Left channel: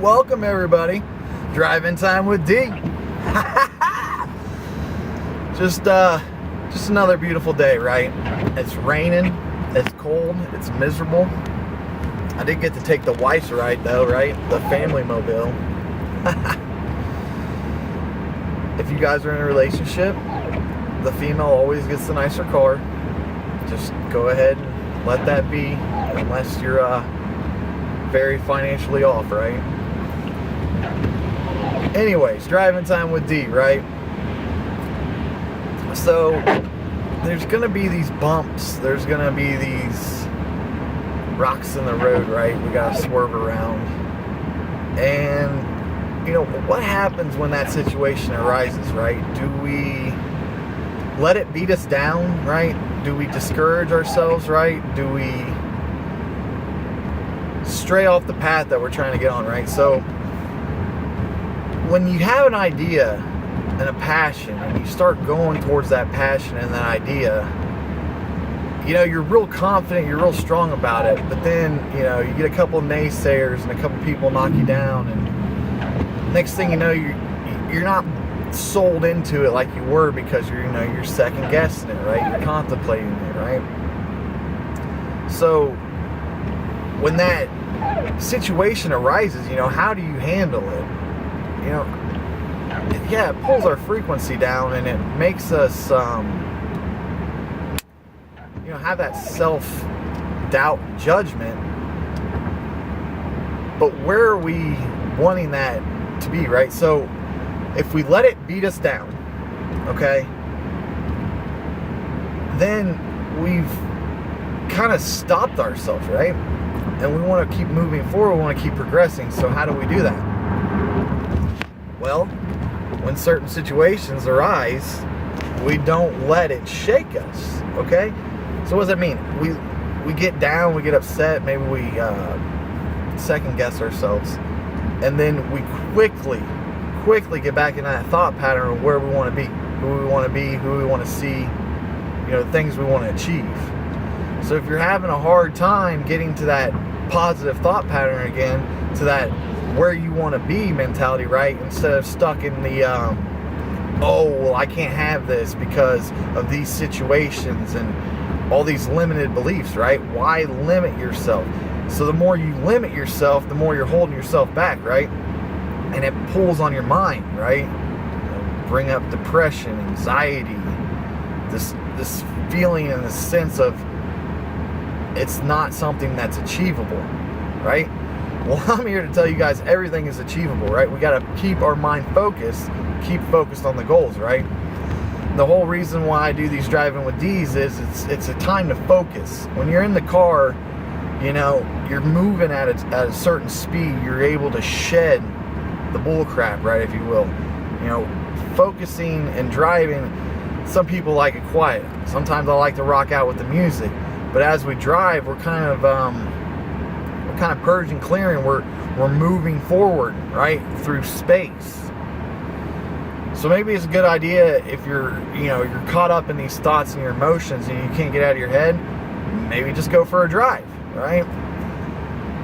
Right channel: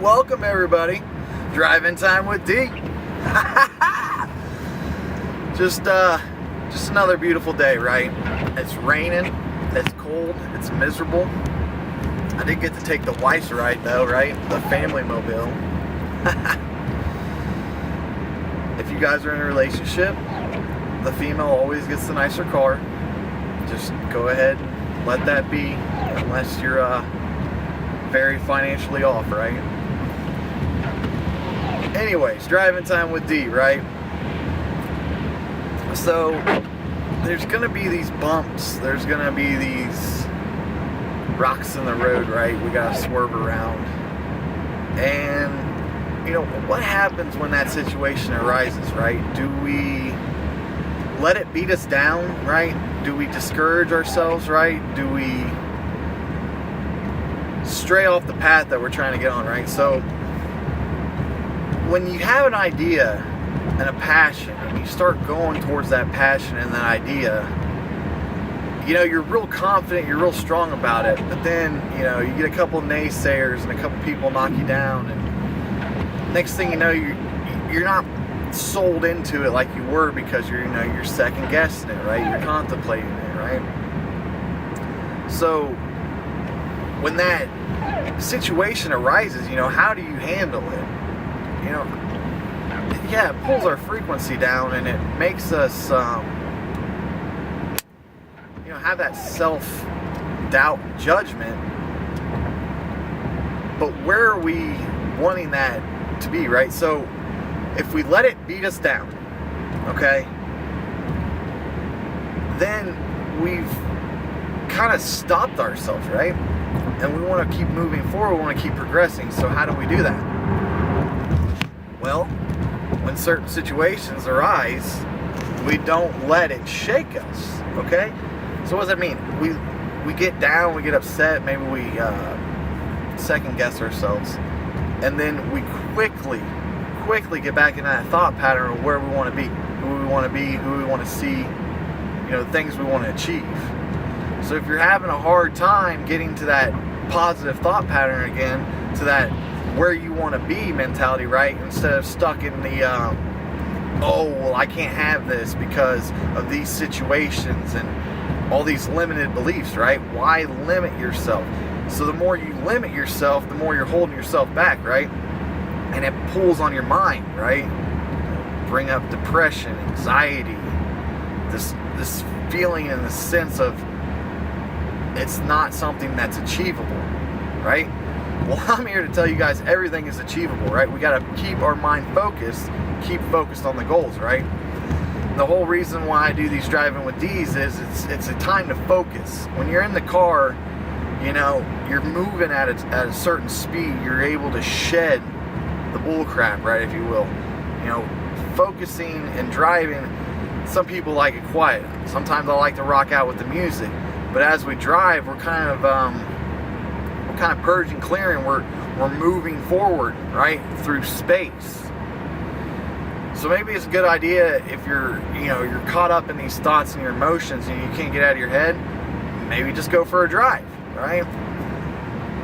Welcome everybody. Driving time with D. Just another beautiful day, right? It's raining, it's cold, it's miserable. I did get to take the wife's ride though, right? The family mobile. If you guys are in a relationship, the female always gets the nicer car. Just go ahead and let that be, unless you're very financially off, right? Anyways, driving time with D, right? So there's gonna be these bumps, there's gonna be these rocks in the road, right? We gotta swerve around. And you know, what happens when that situation arises, right? Do we let it beat us down, right? Do we discourage ourselves, right? Do we stray off the path that we're trying to get on, right? So when you have an idea and a passion and you start going towards that passion and that idea, you know, you're real confident, you're real strong about it, but then, you know, you get a couple of naysayers and a couple people knock you down, and next thing you know, you're not sold into it like you were, because you're second guessing it, right? You're contemplating it, right? So when that situation arises, you know, how do you handle it? You know, yeah, it pulls our frequency down and it makes us, you know, have that self-doubt and judgment. But where are we wanting that to be, right? So if we let it beat us down, okay, then we've kind of stopped ourselves, right? And we want to keep moving forward, we want to keep progressing. So how do we do that? Well, when certain situations arise, we don't let it shake us, okay? So what does that mean? We get down, we get upset, maybe we second guess ourselves, and then we quickly get back in that thought pattern of where we want to be, who we want to be, who we want to see, you know, things we want to achieve. So if you're having a hard time getting to that positive thought pattern again, to that where you want to be mentality, right? Instead of stuck in the, oh, well, I can't have this because of these situations and all these limited beliefs, right? Why limit yourself? So the more you limit yourself, the more you're holding yourself back, right? And it pulls on your mind, right? Bring up depression, anxiety, this feeling and this sense of it's not something that's achievable, right? Well, I'm here to tell you guys everything is achievable, right? We got to keep our mind focused, keep focused on the goals, right? The whole reason why I do these driving with D's is it's a time to focus. When you're in the car, you know, you're moving at a certain speed, you're able to shed the bull crap, right, if you will. You know, focusing and driving, some people like it quiet. Sometimes I like to rock out with the music. But as we drive, we're kind of purging, clearing. We're moving forward, right, through space. So maybe it's a good idea if you're caught up in these thoughts and your emotions and you can't get out of your head. Maybe just go for a drive, right?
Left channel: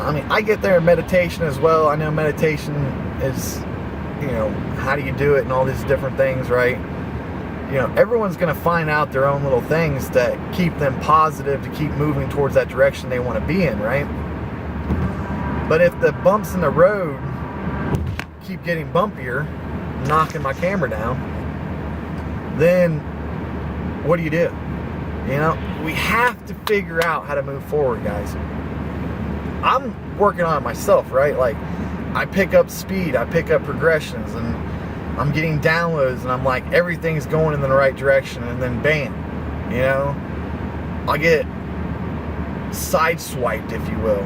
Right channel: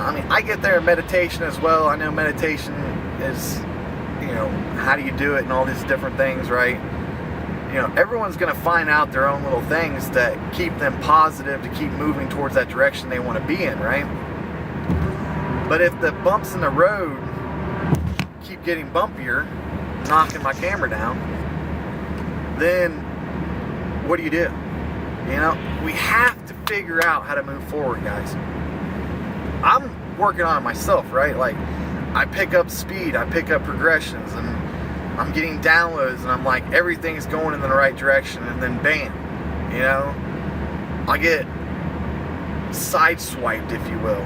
I mean, I get there in meditation as well. I know meditation is, you know, how do you do it and all these different things, right? You know, everyone's going to find out their own little things that keep them positive, to keep moving towards that direction they want to be in, right? But if the bumps in the road keep getting bumpier, knocking my camera down, then what do? You know, we have to figure out how to move forward, guys. I'm working on it myself, right? Like, I pick up speed, I pick up progressions, and I'm getting downloads, and I'm like, everything's going in the right direction, and then bam, you know, I get sideswiped, if you will.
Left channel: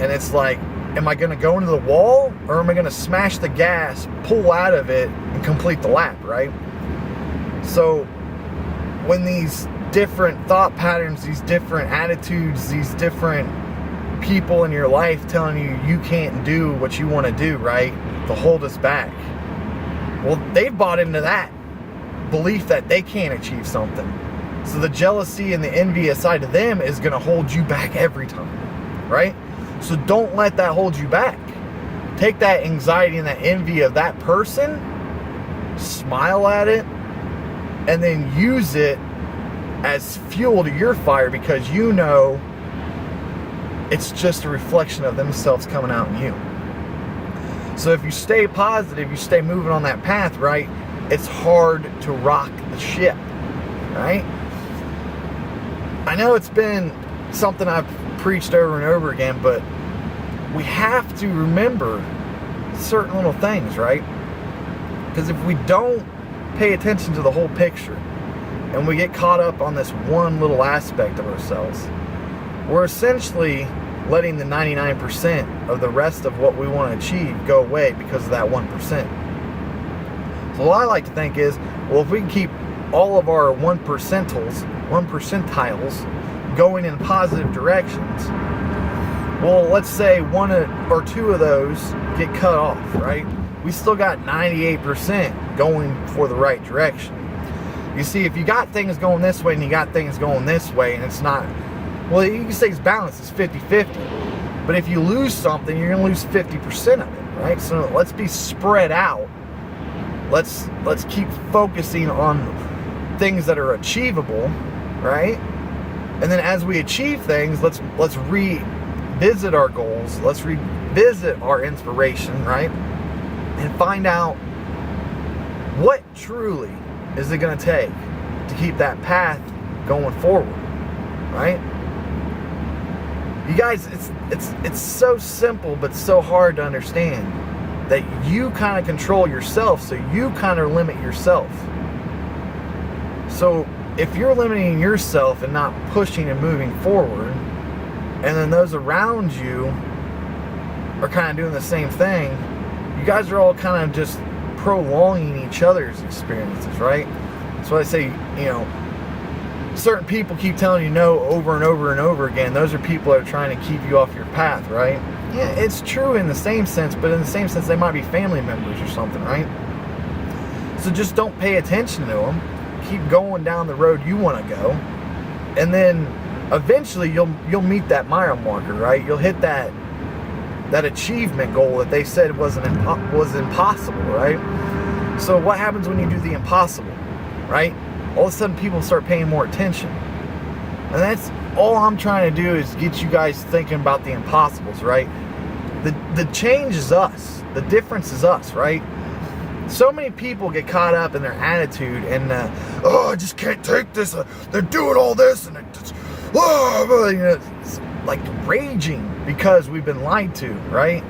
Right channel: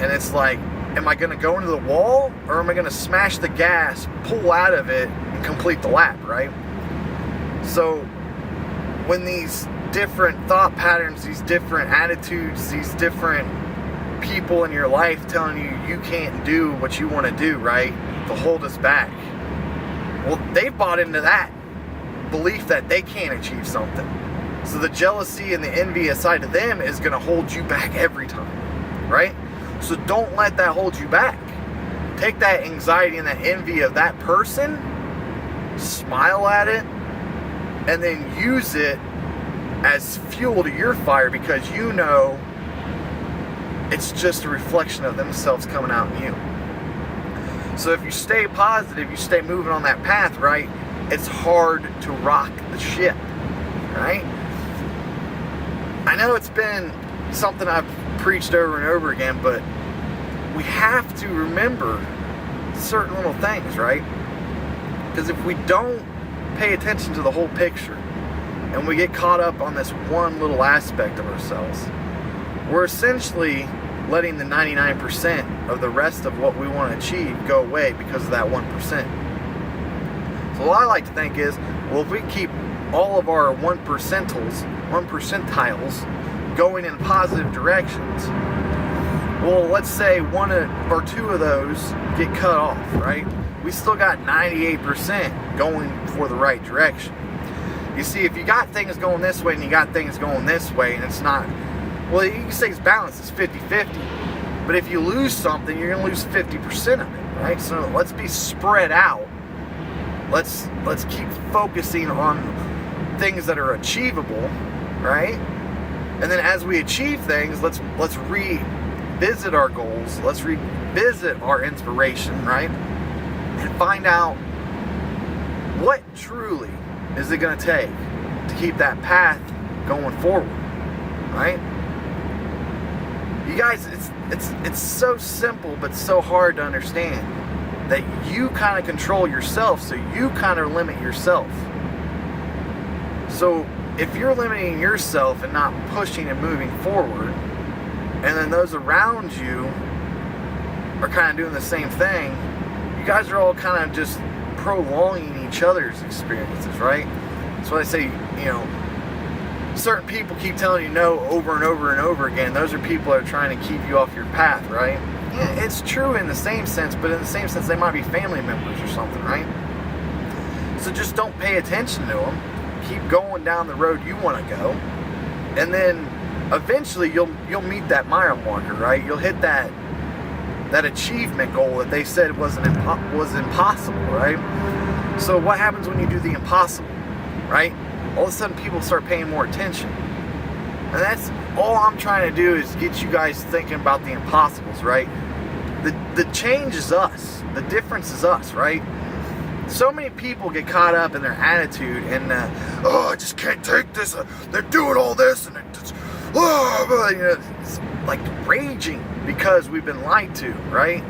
And it's like, am I going to go into the wall, or am I going to smash the gas, pull out of it, and complete the lap, right? So when these different thought patterns, these different attitudes, these different people in your life telling you can't do what you want to do, right, to hold us back, well, they've bought into that belief that they can't achieve something. So the jealousy and the envy aside of them is going to hold you back every time, right? So don't let that hold you back. take that anxiety and that envy of that person, smile at it, and then use it as fuel to your fire, because you know it's just a reflection of themselves coming out in you. So if you stay positive, you stay moving on that path, right, it's hard to rock the ship, right? I know it's been something I've preached over and over again, but we have to remember certain little things, right? Because if we don't pay attention to the whole picture and we get caught up on this one little aspect of ourselves, we're essentially letting the 99% of the rest of what we want to achieve go away because of that 1%. So what I like to think is, well, if we can keep all of our 1 percentiles going in positive directions, well, let's say 1 or 2 of those get cut off, right? We still got 98% going for the right direction. You see, if you got things going this way and you got things going this way, and it's not, well, you can say it's balanced, it's 50-50. But if you lose something, you're going to lose 50% of it, right? So let's be spread out. Let's keep focusing on things that are achievable, right? And then as we achieve things, let's revisit our goals. Let's revisit our inspiration, right? And find out what truly is it going to take to keep that path going forward, right? You guys, it's so simple but so hard to understand that you kind of control yourself, so you kind of limit yourself. So if you're limiting yourself and not pushing and moving forward, and then those around you are kind of doing the same thing, you guys are all kind of just prolonging each other's experiences, right? So I say, certain people keep telling you no over and over and over again. Those are people that are trying to keep you off your path, right? Yeah, it's true in the same sense, but in the same sense, they might be family members or something, right? So just don't pay attention to them. Keep going down the road you want to go, and then eventually you'll meet that mile marker, right? You'll hit that achievement goal that they said was impossible, right? So what happens when you do the impossible, right? All of a sudden people start paying more attention. And that's all I'm trying to do, is get you guys thinking about the impossibles, right? The change is us. The difference is us, right? So many people get caught up in their attitude and, I just can't take this. They're doing all this, and it's like raging because we've been lied to, right?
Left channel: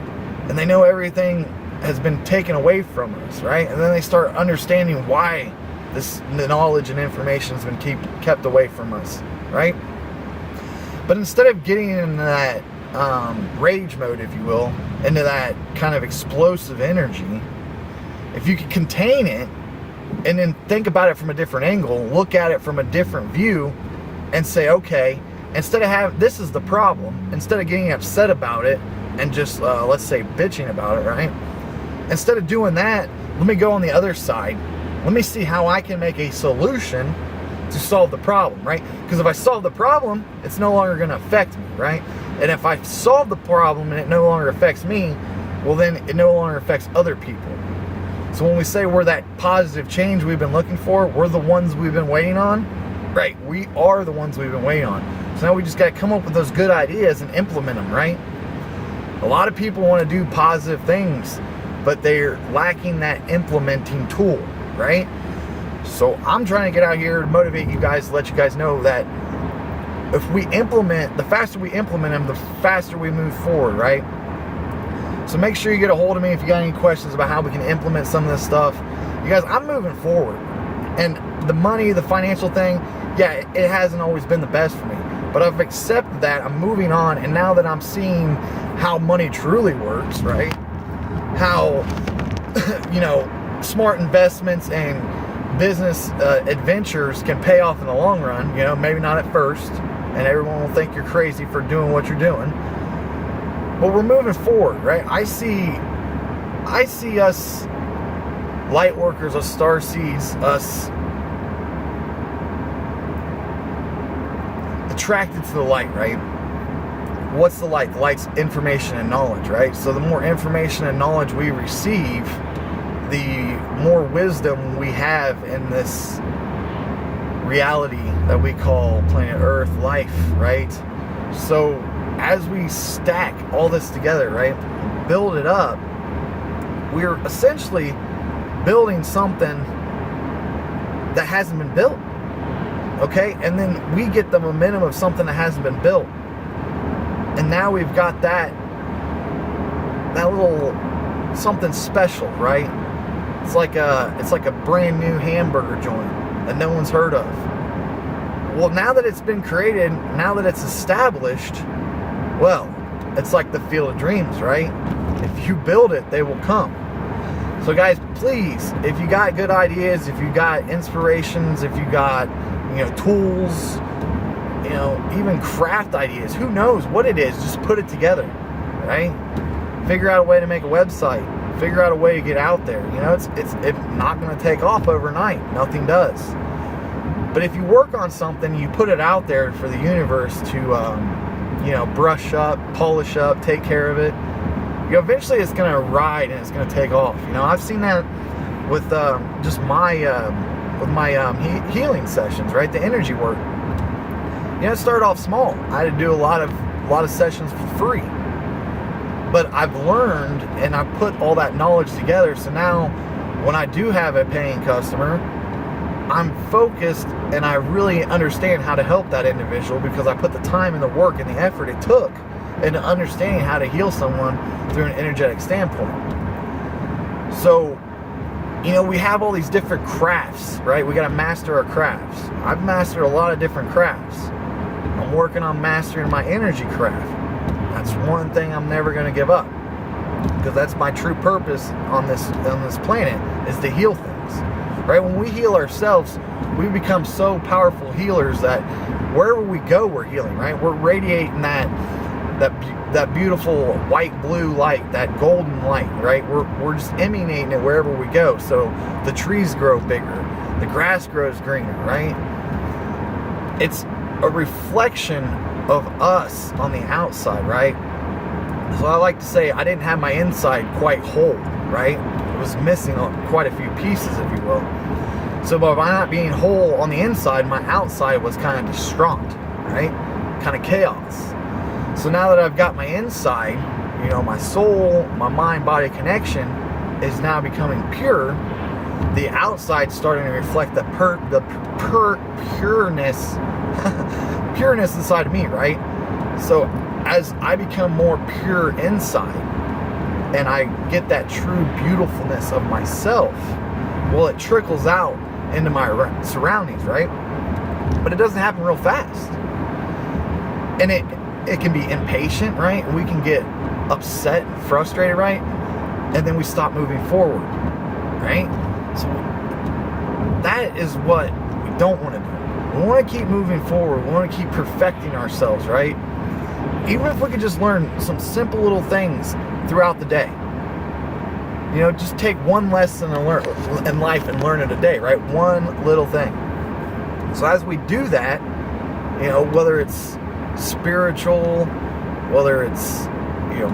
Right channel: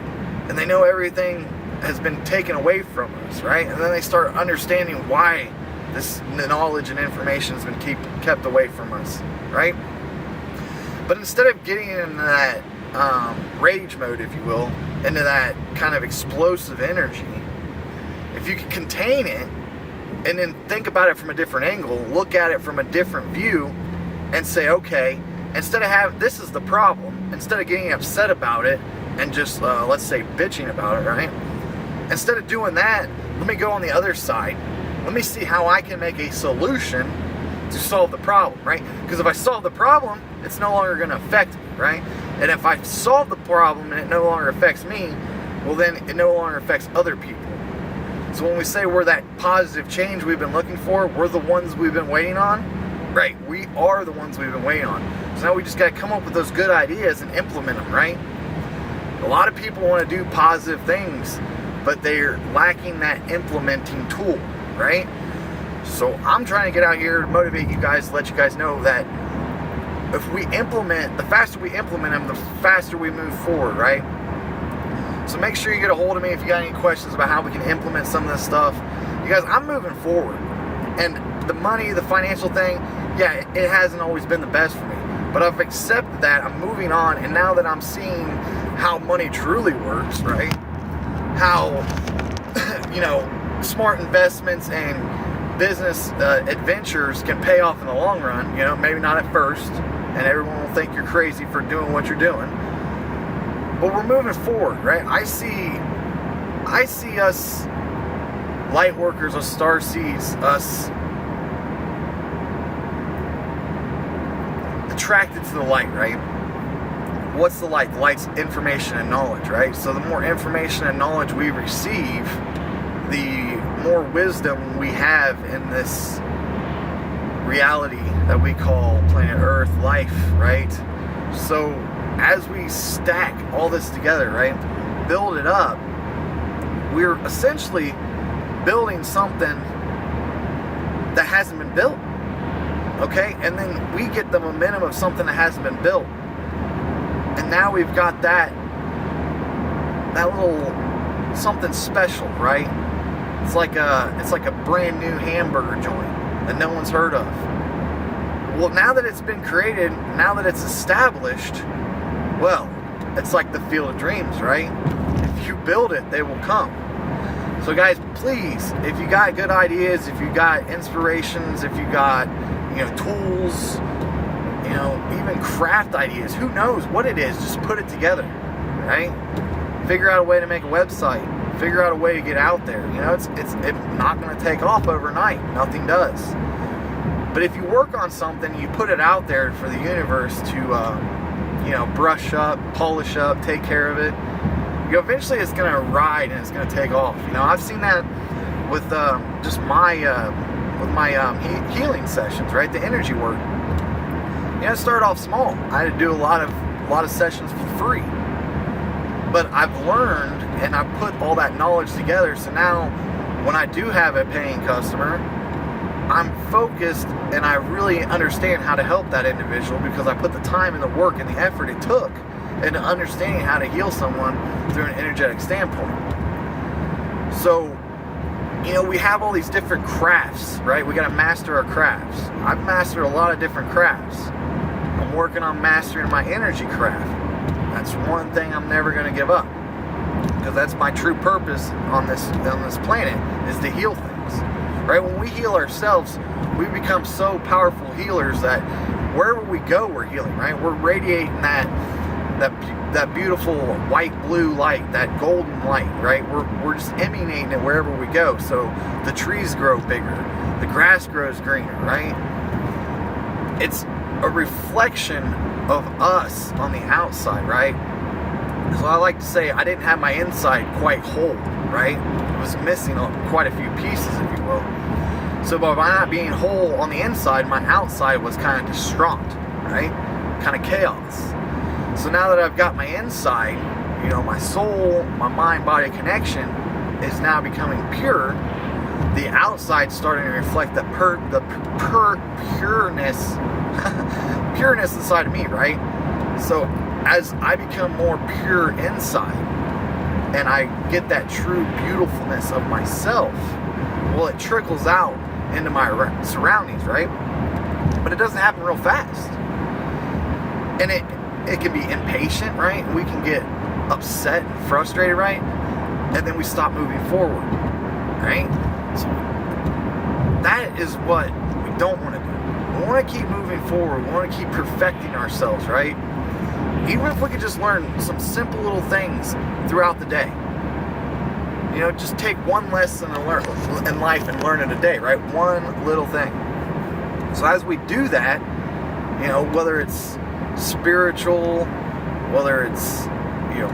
And they know everything has been taken away from us, right? And then they start understanding why this knowledge and information has been kept away from us, right? But instead of getting into that rage mode, if you will, into that kind of explosive energy, if you can contain it and then think about it from a different angle, look at it from a different view, and say, okay, instead of this is the problem, instead of getting upset about it and just, let's say, bitching about it, right? Instead of doing that, let me go on the other side. Let me see how I can make a solution to solve the problem, right? Because if I solve the problem, it's no longer going to affect me, right? And if I solve the problem and it no longer affects me, well, then it no longer affects other people. So when we say we're that positive change we've been looking for, we're the ones we've been waiting on, right? We are the ones we've been waiting on. So now we just got to come up with those good ideas and implement them, right? A lot of people want to do positive things, but they're lacking that implementing tool, right? So I'm trying to get out here to motivate you guys, to let you guys know that if we implement, the faster we implement them, the faster we move forward, right? So make sure you get a hold of me if you got any questions about how we can implement some of this stuff. You guys, I'm moving forward. And the money, the financial thing, yeah, it hasn't always been the best for me. But I've accepted that. I'm moving on. And now that I'm seeing how money truly works, right? How, smart investments and business adventures can pay off in the long run. Maybe not at first. And everyone will think you're crazy for doing what you're doing. But we're moving forward, right? I see us light workers, us star seeds, us attracted to the light, right? what's the light? Light's information and knowledge, right? So the more information and knowledge we receive, the more wisdom we have in this reality that we call planet Earth, life, right? So as we stack all this together, right, build it up, we're essentially building something that hasn't been built, okay? And then we get the momentum of something that hasn't been built. And now we've got that little something special, right? It's like a brand new hamburger joint that no one's heard of. Well, now that it's been created, now that it's established, well, it's like the field of dreams, right? If you build it, they will come. So guys, please, if you got good ideas, if you got inspirations, if you got, tools, even craft ideas, who knows what it is, just put it together, right? Figure out a way to make a website. Figure out a way to get out there. It's not going to take off overnight. Nothing does. But if you work on something, you put it out there for the universe to, brush up, polish up, take care of it. Eventually it's going to ride and it's going to take off. I've seen that with just my healing sessions, right? The energy work. It started off small. I had to do a lot of sessions for free. But I've learned and I've put all that knowledge together. So now when I do have a paying customer, I'm focused and I really understand how to help that individual because I put the time and the work and the effort it took into understanding how to heal someone through an energetic standpoint. So, we have all these different crafts, right? We got to master our crafts. I've mastered a lot of different crafts. I'm working on mastering my energy craft. That's one thing I'm never going to give up, because that's my true purpose on this planet, is to heal things, right? When we heal ourselves, we become so powerful healers that wherever we go, we're healing, right? We're radiating that beautiful white blue light, that golden light, right? We're just emanating it wherever we go. So the trees grow bigger, the grass grows greener, right? It's a reflection of us on the outside, right? So I like to say I didn't have my inside quite whole, right? It was missing quite a few pieces, if you will. So by not being whole on the inside, my outside was kind of distraught, right? Kind of chaos. So now that I've got my inside, my soul, my mind-body connection is now becoming pure, the outside's starting to reflect the pureness inside of me, right? So as I become more pure inside and I get that true beautifulness of myself, well, it trickles out into my surroundings, right? But it doesn't happen real fast. And it can be impatient, right? We can get upset and frustrated, right? And then we stop moving forward, right? So that is what we don't want to do. We want to keep moving forward. We want to keep perfecting ourselves, right? Even if we could just learn some simple little things throughout the day. Just take one lesson in life and learn it a day, right? One little thing. So as we do that, whether it's spiritual, whether it's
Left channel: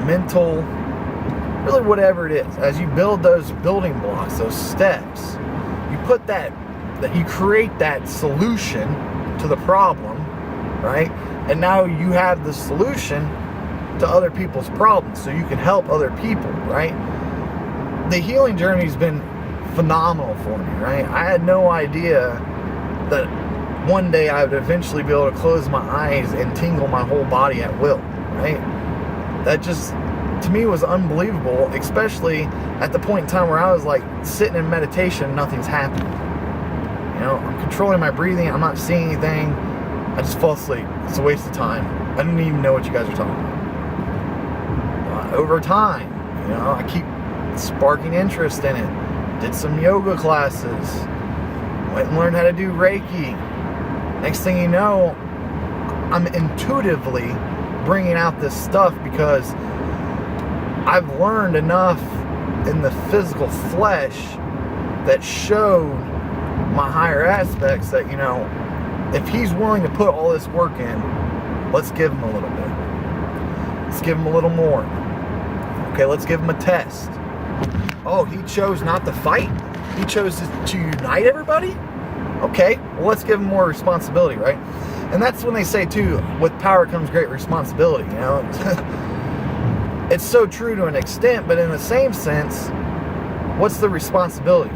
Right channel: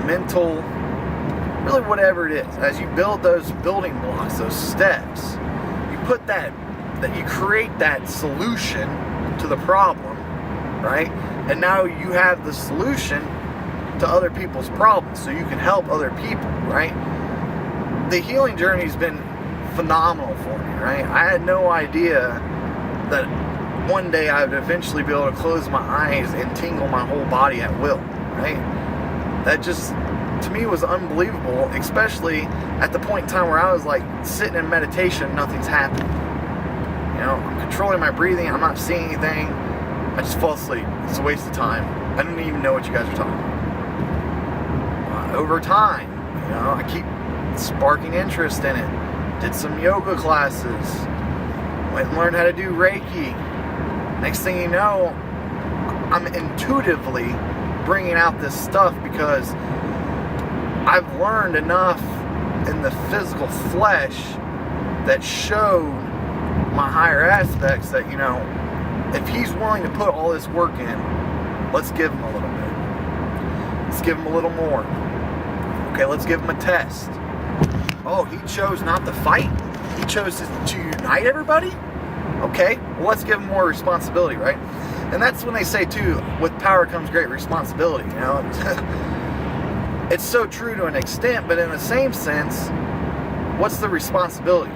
mental, really whatever it is, as you build those building blocks, those steps, you put you create that solution to the problem, right? And now you have the solution to other people's problems, so you can help other people, right? The healing journey has been phenomenal for me, right? I had no idea that one day I would eventually be able to close my eyes and tingle my whole body at will, right? That just, to me, was unbelievable, especially at the point in time where I was like sitting in meditation, nothing's happening. I'm controlling my breathing, I'm not seeing anything, I just fall asleep. It's a waste of time. I didn't even know what you guys are talking about. Over time, I keep sparking interest in it. Did some yoga classes, went and learned how to do Reiki. Next thing you know, I'm intuitively bringing out this stuff because I've learned enough in the physical flesh that showed my higher aspects that, if he's willing to put all this work in, let's give him a little bit. Let's give him a little more. Okay, let's give him a test. Oh, he chose not to fight. He chose to unite everybody? Okay, well, let's give him more responsibility, right? And that's when they say, too, with power comes great responsibility, you know? It's so true to an extent, but in the same sense, what's the responsibility?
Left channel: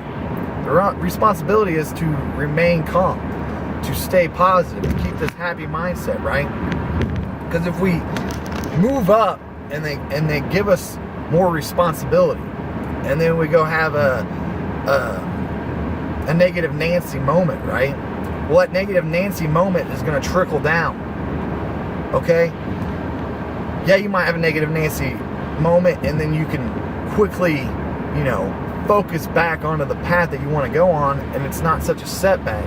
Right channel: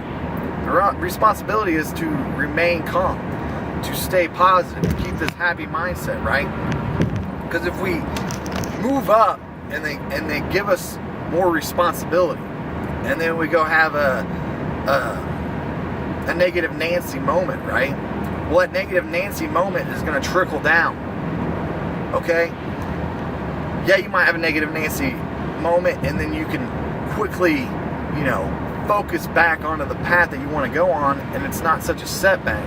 The responsibility is to remain calm, to stay positive, and keep this happy mindset, right? Because if we move up and they give us more responsibility, and then we go have a negative Nancy moment, right? Well, that negative Nancy moment is going to trickle down. Okay? Yeah, you might have a negative Nancy moment, and then you can quickly, you know, focus back onto the path that you want to go on, and it's not such a setback.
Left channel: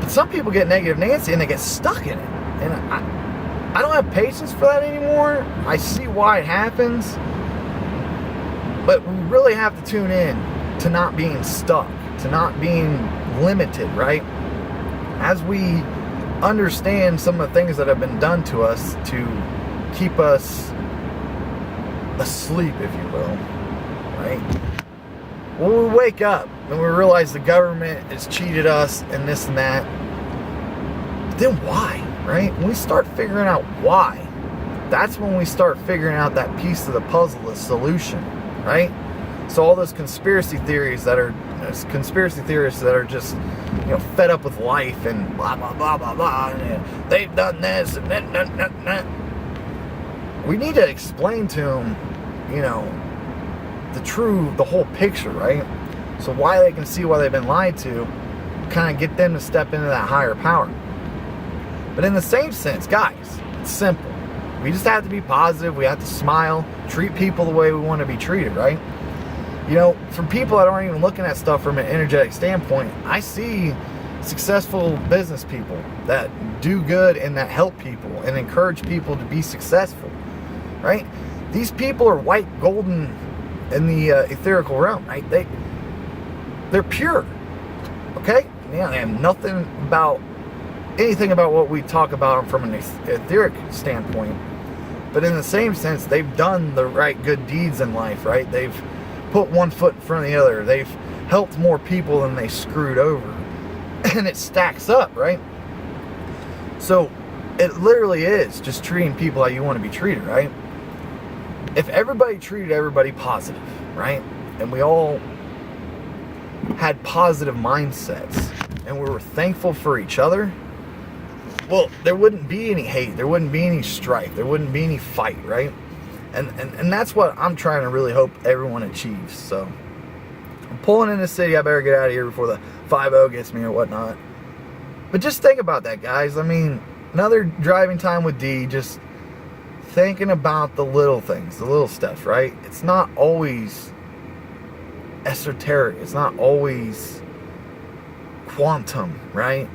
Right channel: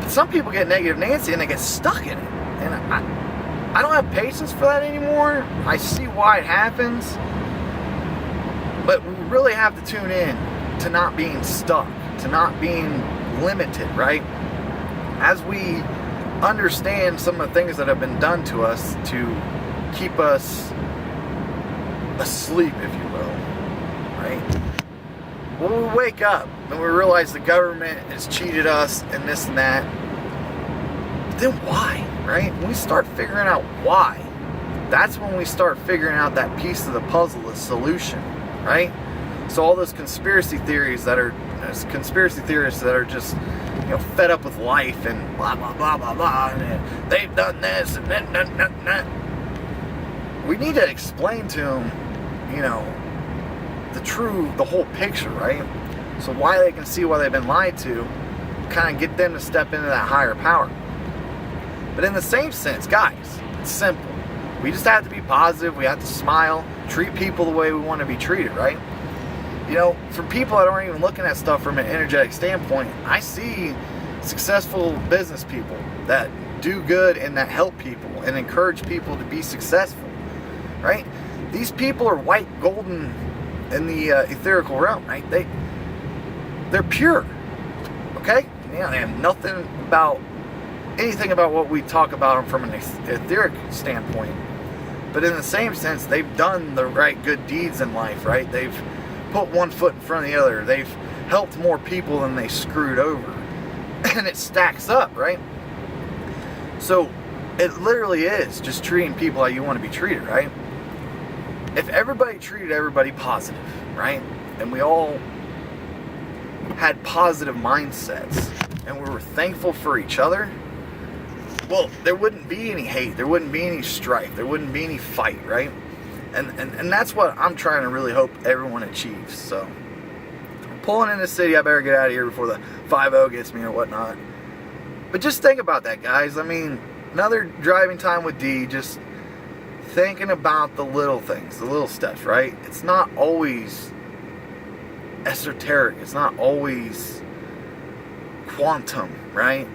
But some people get negative Nancy and they get stuck in it. And I don't have patience for that anymore. I see why it happens. But we really have to tune in to not being stuck, to not being limited, right? As we understand some of the things that have been done to us to keep us asleep, if you will, right? When we wake up and we realize the government has cheated us and this and that, then why, right? When we start figuring out why, that's when we start figuring out that piece of the puzzle, the solution, right? So all those conspiracy theorists that are just, you know, fed up with life and blah, blah, blah, blah, blah, and they've done this and that. We need to explain to them, you know, the whole picture, right? So why they can see why they've been lied to, kind of get them to step into that higher power. But in the same sense, guys, it's simple. We just have to be positive. We have to smile, treat people the way we want to be treated, right? You know, from people that aren't even looking at stuff from an energetic standpoint, I see successful business people that do good and that help people and encourage people to be successful, right? These people are white golden in the etherical realm, right? They're pure, okay? Yeah, and nothing about anything about what we talk about from an etheric standpoint. But in the same sense, they've done the right good deeds in life, right? They've put one foot in front of the other. They've helped more people than they screwed over. And it stacks up, right? So it literally is just treating people how you want to be treated, right? If everybody treated everybody positive, right? And we all had positive mindsets and we were thankful for each other, well, there wouldn't be any hate. There wouldn't be any strife. There wouldn't be any fight, right? And that's what I'm trying to really hope everyone achieves. So I'm pulling in the city. I better get out of here before the 5-0 gets me or whatnot. But just think about that, guys. I mean, another driving time with D, just thinking about the little things, the little stuff, right? It's not always esoteric. It's not always quantum, right?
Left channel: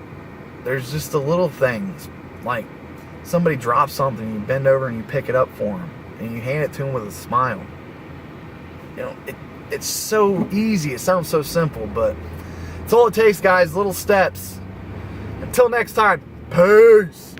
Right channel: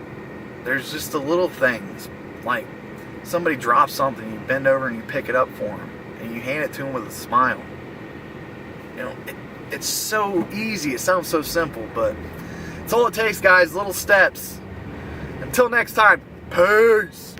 There's just the little things, like somebody drops something, you bend over and you pick it up for them, and you hand it to them with a smile. You know, it's so easy. It sounds so simple, but it's all it takes, guys. Little steps. Until next time, peace.